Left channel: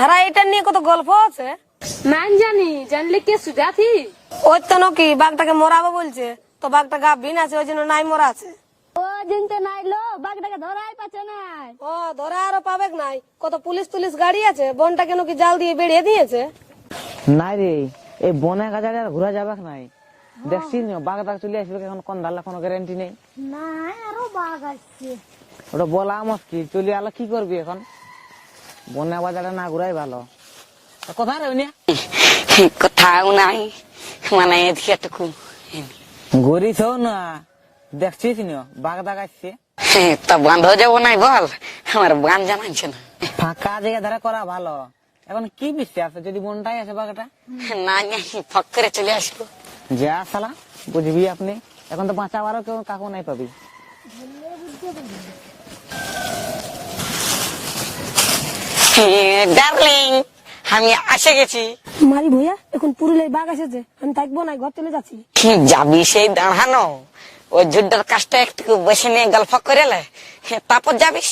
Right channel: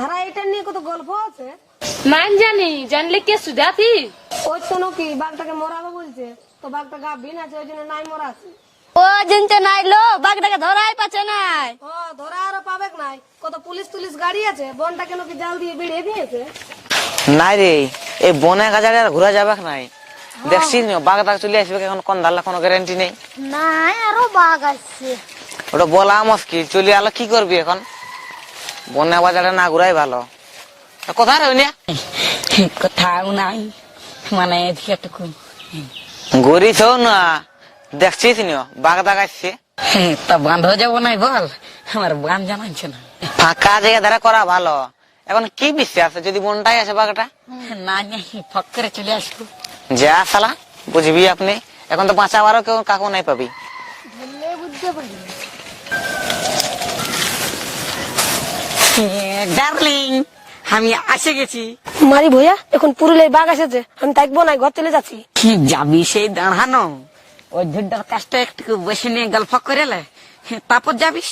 সারা এটা নিয়ে কত গল্প আছে? নাম জানি জানলে কে সুজাতি ওই তো নাকি বাঘটাকে মরাবো বলছে। তো বাঘটা গা বিন আছে ওই জন্য নাই মরা আছে। ও জিনতে নাই লো বাঘটাকে ধরাই পাচ্ছে নাই। ও ধরে আরও পাবে নাই। কত পুলিশ তুলিশ গাড়ি আছে বনটা কেন কি জাল দিয়ে বেরিয়ে দিয়েছে। নাই রে এই বনে গাজারে আর ঘুরা যাবে নাই। দেখছিস না বাঘ টাঘ চলে আসবে এখন কোন দাল্লা কোনো গ্যারান্টি নেই। নাই আরও বাঘ আসছে। ওটা বলা মুশকিল চলে আলো কি করবি এখন? বনে বাজারে না ঘুরাই ভালো। তা কোথায় রইনি কোথাও নাই মানে এদিকে টুকু না? দেখছিস না বাঘ দাগ আসছে তা বন্ধ যাব নাই বল আমার বান জানাচ্ছে না। ফাঁকা জায়গা ধারা করা ভালো। এখন কি বিশ্বাস যদি বনটাই আছে বাঘটা? না নাই ফক করে চলে আসব। যা সালা বুঝবি আপনি। এখন তো বাঁচাবারও কেউ কাকু নাই পাবি। ডার্লিং আমি আসে গেছি। মারি ভইয়া এখন পুরুলিয়ায় বাঘ এসেছে আমি থাকব নাই ঘর চলে যাচ্ছি। কি যাবি সেই দাঁড়ানো? ওই যুদ্ধের কাজটা একটু বসে নিয়ে গল্প করে লে। তারপর যাবিস?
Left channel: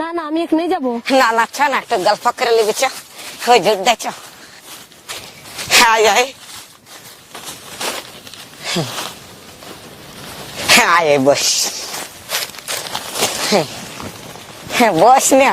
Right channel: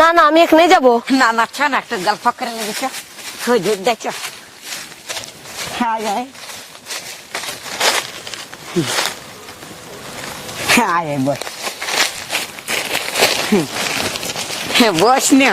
না না আমি এখানে যাব। না না আচ্ছা না একটা গল্প করে লেগে চ ওই যুদ্ধ চ। Hi hi hi boss. হ্যাঁ বস না।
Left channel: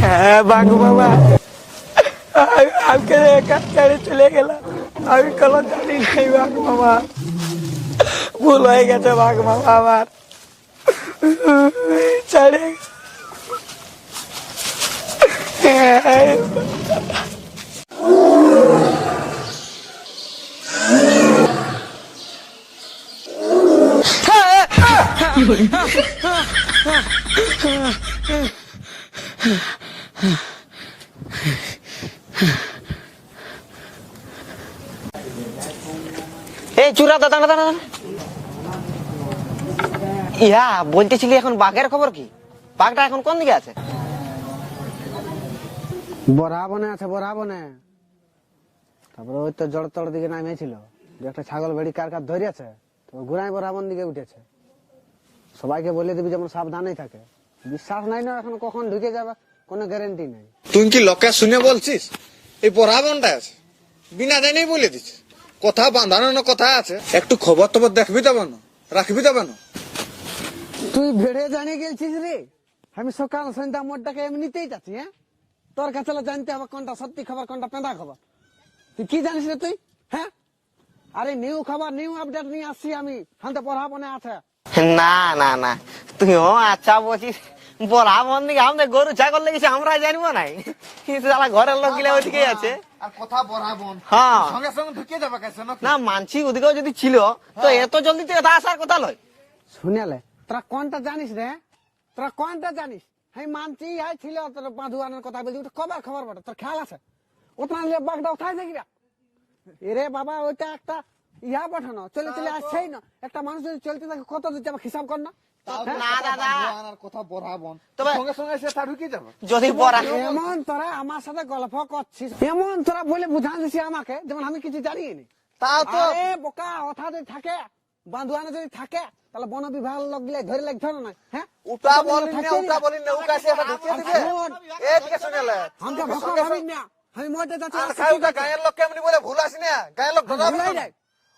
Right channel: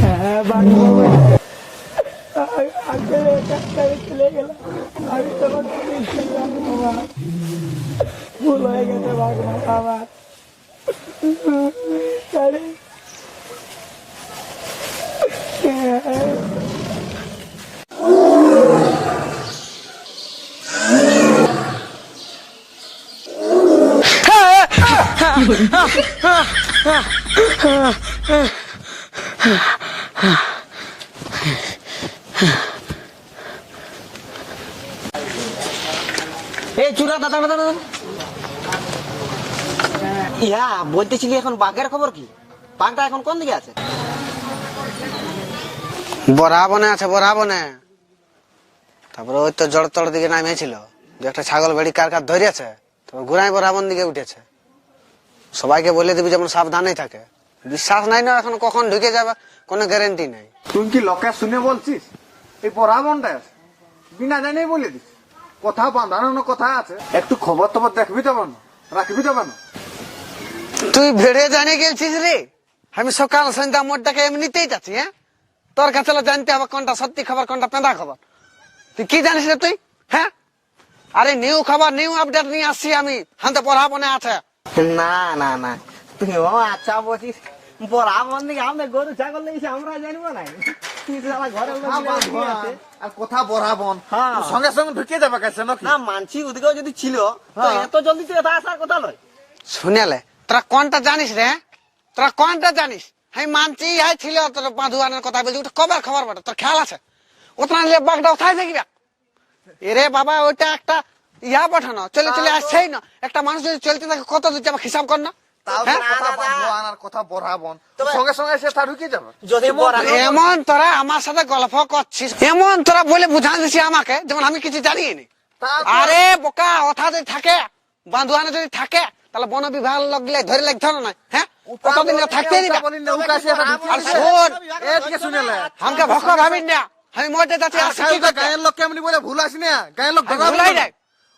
হ্যাঁ বাঘ বাবা আমাকে একা ছেড়ে চলে গেলাম আমি কোনো জানি নাই বাঘ বাবা ভুল হয়ে গেছে বাঘ বাবা আমার ছেড়ে এই চূড়া দাদা দাদা ইহা বলতেছিলি এখন বাঘের খবর কি? বাঘটা এখন কোন দিকে আছে? বরা বনে আছে বরা বনে তারপরে ওই তো জড় তড় দিকে নামিয়েছিল। দু একটা ছাগল বেড়ি কার কার ধরিয়েছে, তারপর ঘুরাই বরাবন দিকে উঠেছে। সবাইকে বলে দিবি যেমন সাবধানে থাকে। বিশ্বাস নাই না এখন কখন ঢুকে যাবে কোনো গ্যারেন্টি নাই। তুই কি লোকে শুনে বলছিস? এই পড়াবনটা আছে। বিনা জানেই বলে দিচ্ছিস কথা বাঁধানো কথা আছে? একটু খবর টবর দেখবি তো না রাখবি তো না তুই ভেড়ে জানিয়ে গেছিস রে? আমি সকাল সন্ধ্যা মোটটাকে এমনিতেই যাচ্ছি হ্যাঁ? তোর কাছে জানতে হবে কোনটা সত্যি খবর কোনটা পেঁদা খবর। তুই কি জানিস রে তুই হ্যাঁ? আরে নিউ খবর নিউ আপডেট নিয়ে আসছি আমি। হাতে পড়াবনে আছে। না না না। তুই ও আচ্ছা বলছিস বড়া বন দিকে আমাদের গরু ছাগল লেগেছে আমরা জানব না। কিন্তু সালা ঘরের লোক গিলে ওদিকে আছে। আর কথা বরাবন হ্যাঁ। সঙ্গে সঙ্গে ঢুকে যাবে কাছে না মানছি ওদিকেও যদি ছিল তো এত জলদি আসার কথা শুনেলে তোরা কোনটা জানিস রে? তোরা কোনটা জানিস? মানছি ছিল তোর বাঁধুয়ানের কথা বলছি ওটা কবার খবর বটে? তোর খেয়াল আছে? ওটা নিলে বাঘটা কোথায় দেখবি এরে বাবা ওইটা একটা ইয়া পাঠানো। চলে চলে আসছেই না একটা মানুষ যদি চলতে থাকে কত দূর যাবে হিসাব কর না। তাও তো কথা বাঁধবান আর কথা বরাবন সঙ্গে সঙ্গে এসে তা ঢুকে যাবে। যদি বড়া এমন তোরা আমার সাথে গল্প করছিস এমন তোরা বলে বুঝা দিছি আমাকে যেমন আমি কিছু জানি নি তাও তো- আরে বোকা ওঠা যদি থাকে বান্ধুয়ানে যদি থাকে তাহলে বন বিভাগ লোক গিলে ধরে লাগতে না হ্যাঁ? কতদিন থাকতে আর শোন আমাকে ভক্ত ভাবিন না। আমি মরতে যাচ্ছি? গায়ের লোক কেমনি বলে ভুল আসি না। গায়ের লোক ভুলাই নাই।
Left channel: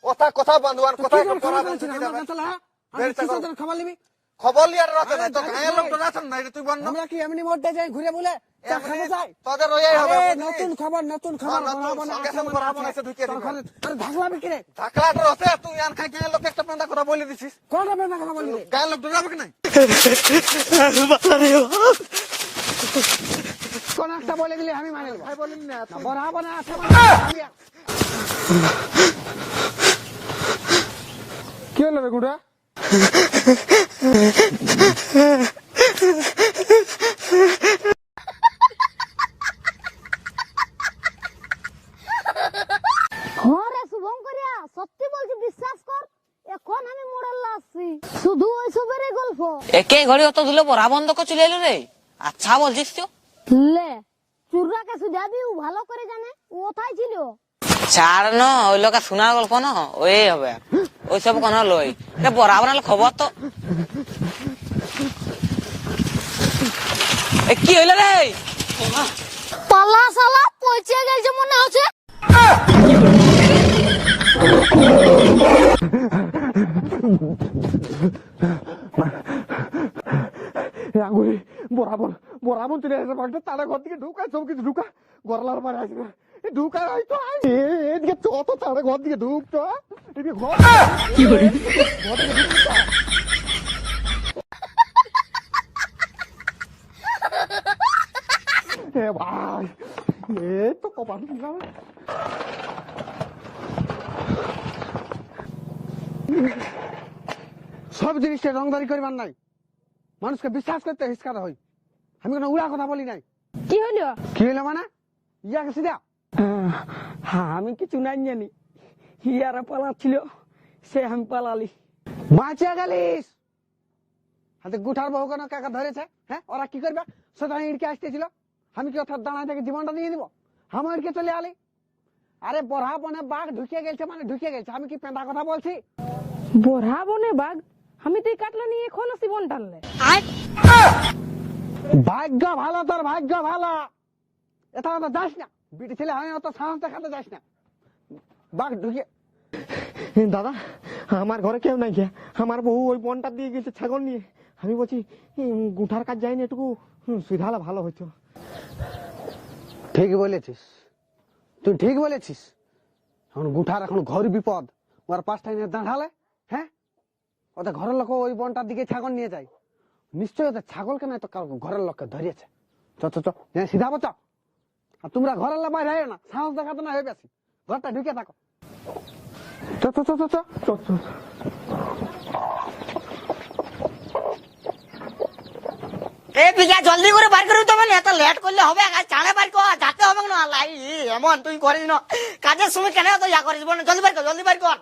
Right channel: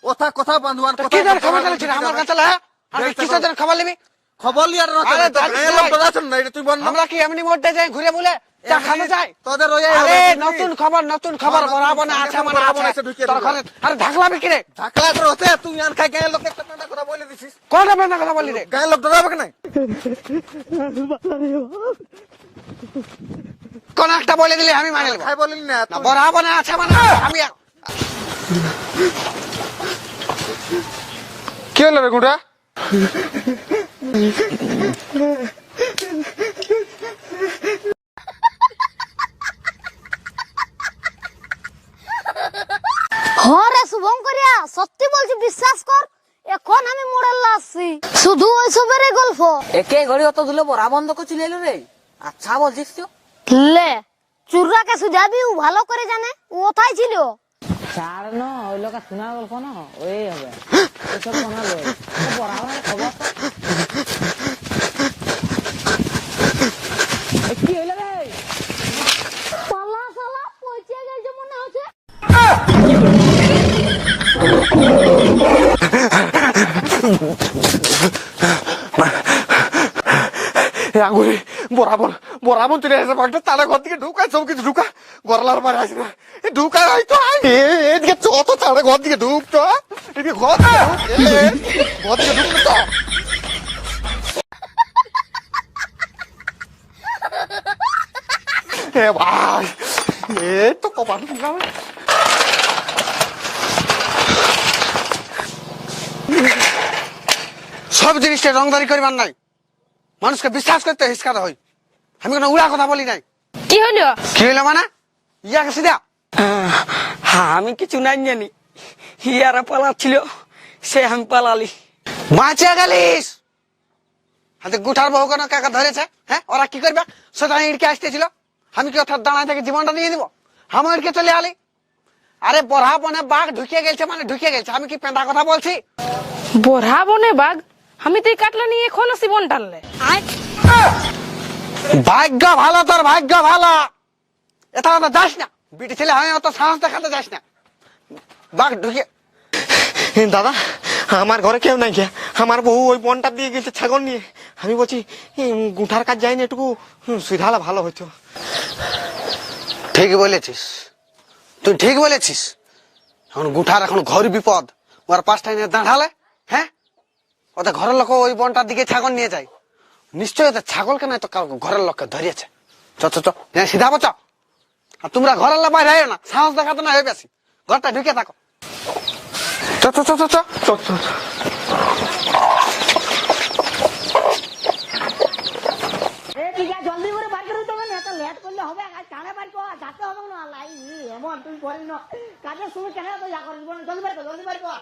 কথা কথা বান্ধবান কথা কি খবর চালাচ্ছি আমার কাছে হ্যাঁ আমি হ্যাঁ, কিসের খবর। নিবি? খবর লিয়ার বল আমরা কি এমনি মরতে যাই ঘুরে বলে চা তোদের ওই আরে নতুন খবর নতুন খবর হ্যাঁ, বরাবর আছে মানে বরাবর আছে তোর ঘরে আরে ঢাকলাবি কি রে ঢাকা তো হতে তুই আর খাই গায়ের লোক একটা পান্ডা কথা বলে দিছিস। কোনটা বেদনা কথা বললি রে? গায়ের লোক ধরাবে কি নাই কোন একটা বলে দিলে আমি মানে খাই বলিন না না বড়া আছে মানে আমি কি হলো রে গুঁড়া? হরে শুভঙ্করিয়া সত্যি বলছি বিশ্বাস কর এখন আমি মোড়াল্লা আসছি শুধু ওইসবের গল্প। একে ঘড়ি অত ধুলে বড়া বন্ধ করে চলে এলো রে? আচ্ছা বলছিস তো। লে চুররাকে সুজাবি ও ভালো করে জানে ও কোথায় ছিল? ছাড় ন ওই লোক শোনার গল্প ন ওই হবে। ওই সব কোন লই। এ বড়া খবর তো এ কি হইল রে? পালা সালা পৌঁছে গেছে মনে হচ্ছে। আঙুরি। বরাবর বরাবর চলে আসে বাঘটা, তারা ঘর থেকে ঢুকায়, সব কিছু ঢুকা গরলার মারে আসে না। এ ঢুকায় হয়তো এদিকে যত তারা ঘর দিকে ঢুক তো এদিকে ঘর থেকে ঢুক। ঘর থেকে ঢুক তো এ ভাই, এ তো কপাল সব জিনিসটা রংদারি করিবার নাই মানুষকে বিশ্বাস করতে হিসকাতে হই আমি কোনো উড়া কথা বলি নাই। কি হলো? কি হইল মানে? ইয়াকে সিধা হ্যাঁ আমি কিছু নাই জানি। হিয়ারা পালাচ্ছিল সে আমি পালালি। বাঁচে গেলিস। হাতে গুঠার বহু কেন কাকা ধরেছে? হ্যাঁ ওরা কি করবে? সেটা ইড়কে আসতেছিল। আমি কি অর্থাৎ দাঁড়ায় থেকে জীবনটা নিয়ে দিব আমি ইড়কে চলে আলি। আরে বড়া বনে বাঘ ঢুকিয়ে গেছে মানে ঢুকিয়ে গেছে আমি কি পেঁদা কথা বলছি? বড়া বনে বাঘ আমি তো এই কাটলা নিয়ে এখন আসি বন টানলে। ভাগ্য ভালো তোর ভাগ্য ভালো। এটা তো যাস না। বিটি ছেলে আমি অত সাহস দেখাতে যাস না। বাঘ ঢুকিয়ে দাদা আমার ঘরে কেউ নাই গিয়া আমার বউ ওই বনটা দিয়ে গেছে ছাগল নিয়ে। আমি বলছি গুঠার কাজ যায়নি একটু সুধালা ভালো হইতো। ঠিক বলেছিস। তুই ঠিক বলেছিস। এখন গুঠার এখন ঘর বিপদ। ওর পাঁচটা নিয়ে দাঁড়ালে হ্যাঁ? ওদের ঘরের লোক ওই বনটার দিকে ছাগল নিয়ে যায়। নিশ্চয়ই ওদের ছাগলকে নয় তো কারও ঘরের লোককে ধরিয়েছে? চ চ হ্যাঁ, সিধা বচ আর তোমরা ঘরের লোক বাইরে না সাহস দেখাতে না হয়ে বেশি ঘরটা ঢুকে থাকো। চ চ চ চ চ। চ, চ। এ জলদি করে বার করে তবে না এত লেট করলে হবে আজ চাড়ে বার কর যাতে হবে না লাই এমন তুই করিস না। কাজের সময় কেন তো ইয়া করিস বল জলদি বার কর জলদি বার কর।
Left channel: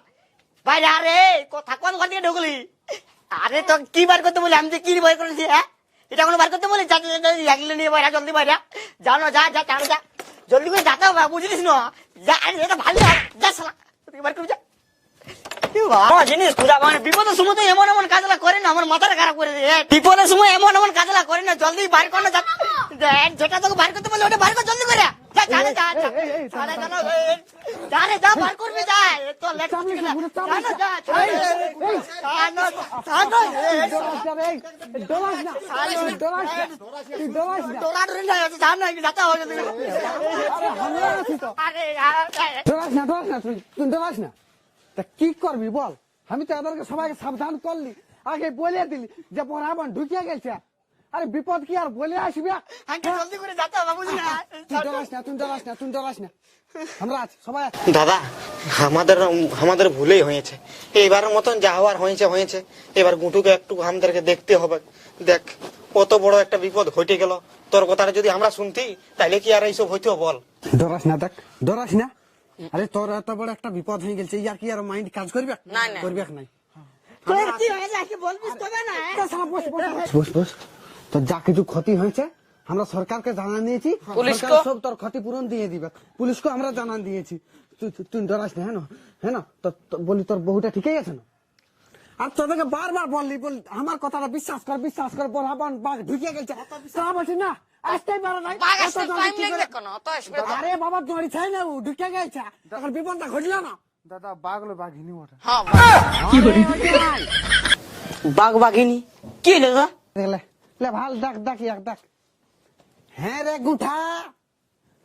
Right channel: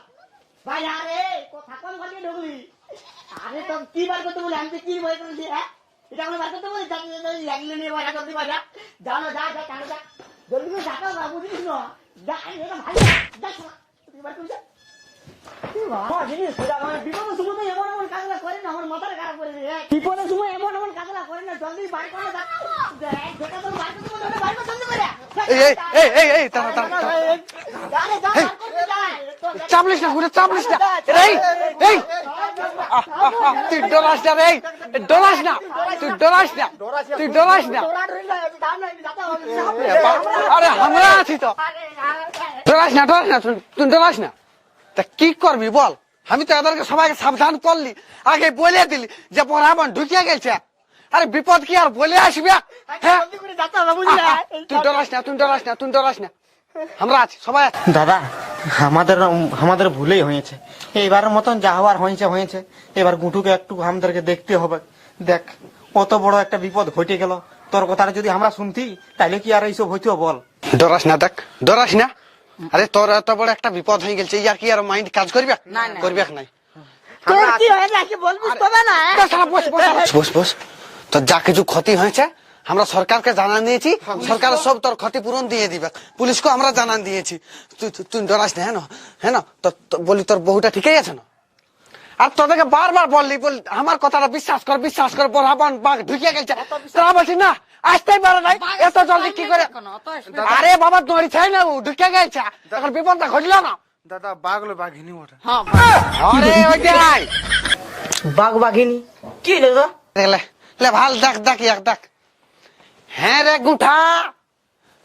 বাইরে আরে কথা কোন ঘর দিয়ে ঢুকলি? আরে তো কি বার করতে বলি আমি কি বার করেছি হ্যাঁ? এটা কোনো বার করতে বলি যা লাগলে নিয়ে বাইরা জলদি বাইরা জানো যা যা যা। জলদি করে যাতে হবে বুঝলিস না। যা আরে এটা ভালো যা, শালা তুই বার করে যা। জিনিস মানে বিপদের সময় তো এমন এমন কাজলা করে না আমার মাথাটা খারাপ করে দিয়ে। বিপদের সময় এমন এমন কাজলা করে না জলদি বার কর না যেটা তোকে বার করতে বলে ওটা বার কর জলদি করে। যা, যা, এই, যা, যা। এই, এই, দাঁড়া, দাঁড়া, দাঁড়া। যা যা, যা। চাপলিস না ঘুরে চাপলিস না। এই এই। তুই ডরাস না এই, ডরাস না তুই ডরাস না তুই ডরাস না। আরে আমরা আছি তো। ডরাস না ডরাস না তুই ডরাস না। তা কি করবি বল? আমি তো এদেরকে সবাইকে সাবধান করলি। আগে বলে দিলি যে পড়াবন ঢুকিয়ে গেছে। আরে বিপদ কি আর বলে আসবে? হ্যাঁ? তুই ডরাস না তুই ডরাস না তুই ডরাস না। আমরা আছি সবাই দাদা আমাদের আমাদের ভুলেই হয়েছে। এইবারের মতন যা হওয়ার হয়েছে হয়েছে। এবার গুটুকে একটু আমাদেরকে দেখতে হবে। দেখ কত বড় একটা বিপদ ঘটে গেল। তোর কথাটা যদি আমরা শুনতি তাইলে কি আর এইসব হইতো বল? ডরাস না দেখ ডরাস না। আরে তোর এত বড় একটা বিপদ হয়ে গেছে ইয়ার কি আর মাইন্ড কাজ করবে? করবে নাই। তোর কি হয়েছে, কি বলবি তবে না, হ্যাঁ? বস, বস, বস, শালা। বস বস। তোর যা কিছু ক্ষতি হয়েছে আমরা সরকারকে জানান দিয়েছি সরকার সব তোর ক্ষতিপূরণ দিয়ে দিবে। পুলিশকে আমরা জানান দিয়েছি। তুই ডরাস না হ্যাঁ হ্যাঁ বলি তোর বহুটা ঠিকই আছে না? আর তোদেরকে বারবার বললি বল আমার কথাটা বিশ্বাস কর বিশ্বাস কর বরাবন বাঘ ঢুকিয়ে গেছে। তারা বলছি না আসতেই পারে নাই। এত জলদি কি করে আরে বাবা দড়ি ছাই না ও ঢুকে গেছে এখন বিপদটা ঘটলো না। দাদা বাঘলো বাঘিনী ওটা আরে ওইটাই বাঘ বাঘিনী? কি লে লে ভালো দেখ দেখ এক দেখ। হ্যাঁ রে গুঠা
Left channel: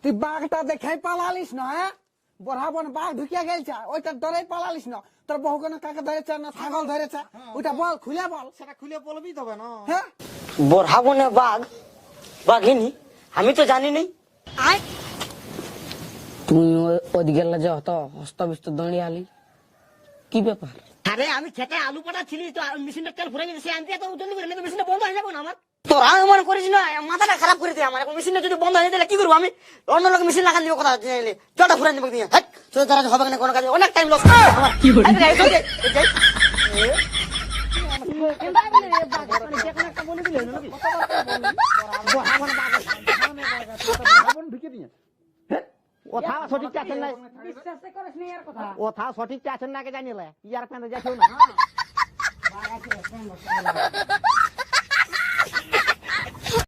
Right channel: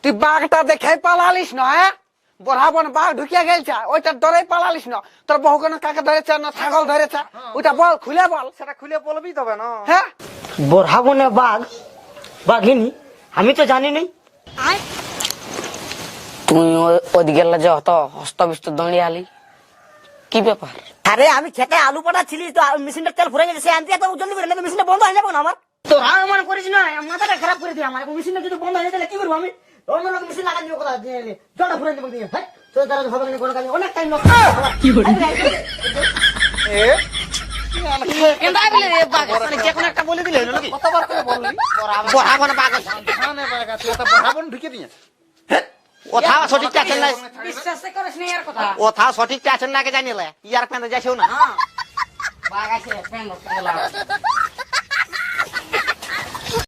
তুই বাঘটা দেখে পালালিস না হ্যাঁ? বড়াবন বাঘ ঢুকিয়া গেলছে ওইটা ডরে পালালিস না। তোর বহু কোনো কাকে ধরেছে না ছাগল ধরেছে? ওইটা বল খুলে বল। সেটা খুলে বলবি তবে না। হ্যাঁ? বরহাবনে বাঘ বাঘিনী আমি তো জানি নাই তুই ওদিকে যে অত হস্তবিষ্ট দঁড়িয়ে আলি কি ব্যাপার? আরে আমি খেতে আলু পাঠাচ্ছিলি তো মেশিনটা তেল ফুরে গেছে সে আনতে এত জলদি করে না মেশিনটা বন্ধ হয়ে যাবে না আমার? তোরা মনে করিস না মাথাটা খারাপ করে দিয়ে আমার। এখন মেশিনটা যদি বন্ধ হয়ে গেলে কি করব আমি? অন্য লোক মেশিন লাগান দিব কথা জলটা ফুরে দেবো দিয়ে। হ্যাঁ তোর দ্বারা হবে না কোনো কাজে। অনেক টাইম লস কি বলি? যে কোনো একটা বলে দিলে হলো নাকি? বরাবর বাঘ আছে। বরাবর ঢুকে দিয়ে। কথা সঠিকটা আছেন না? বিশ্বাস করিস না এর কথা। কথা সঠিকটা আছেন না আগে জানিলে? ইয়ার পেন্দে যাইছেও না।